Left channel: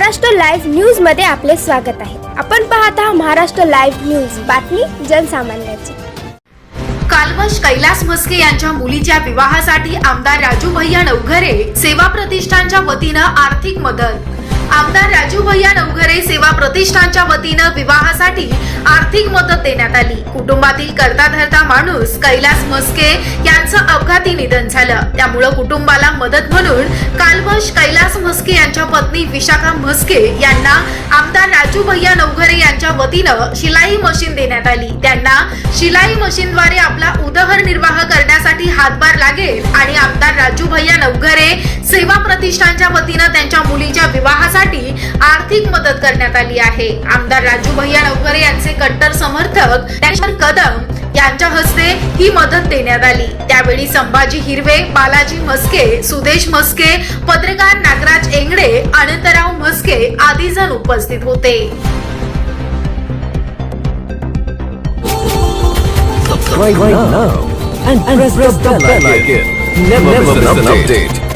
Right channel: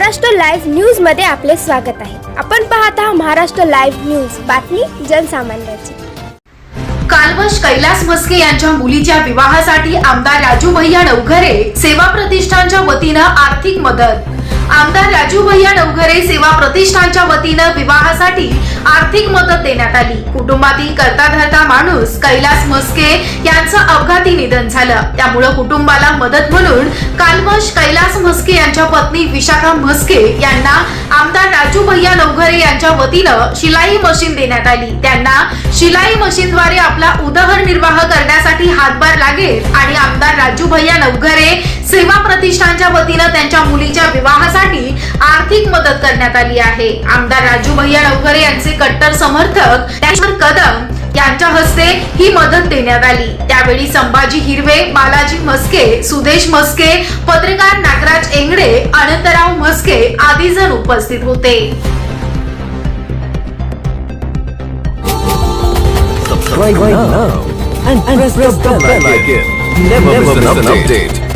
Maharashtra live न्यूजमध्ये आपले स्वागत आहे. आपण पाहत आहात महाराष्ट्र लाईव्ह न्यूज. बातमी जनसामान्याची. कालवश कैलास म्हस्के यांच्या मुलीच्या विवाहासाठी आमदार राजू भैया नवघरे सेवा प्रतिष्ठानच्या वतीनं आर्थिक मदत. आमदार राजू भैया नवघरे सेवा प्रतिष्ठानच्या वतीनं विवाहासाठी आर्थिक मदत देण्यात आली. कुटुंबातील करता धरता माणूस कैलास मस्के यांचं अपघाती निधन झालं. त्यामुळं कुटुंबाला मदत म्हणून कालवश कैलास म्हस्के यांच्या पत्नी विशाखा म्हस्के यांना आमदार राजू भैया नवघरे यांच्या वतीनं शिलाई मशीन देण्यात आली. त्यांना शिलाई मशीनद्वारे आपला उदरनिर्वाह करण्यासाठी हातभार लागेल आणि आमदार राजू भैया नवघरे सेवा प्रतिष्ठानच्या वतीनं त्यांच्या मुलीच्या विवाहासाठी आर्थिक मदत करण्यात आली आहे आमदार राजू भैया नवघरे यांचे कट्टर समर्थक त्याच्यावर कदम यांच्या हस्ते ही मदत देण्यात आली त्यावेळी संभाजी हिरवे बालाजी म्हस्के सुदेश म्हस्के पत्रकार नागराज एंगडे अनंतराव म्हस्के आदी जण उपस्थित होते subscribe right now and, press, the bell icon. Never, miss an update.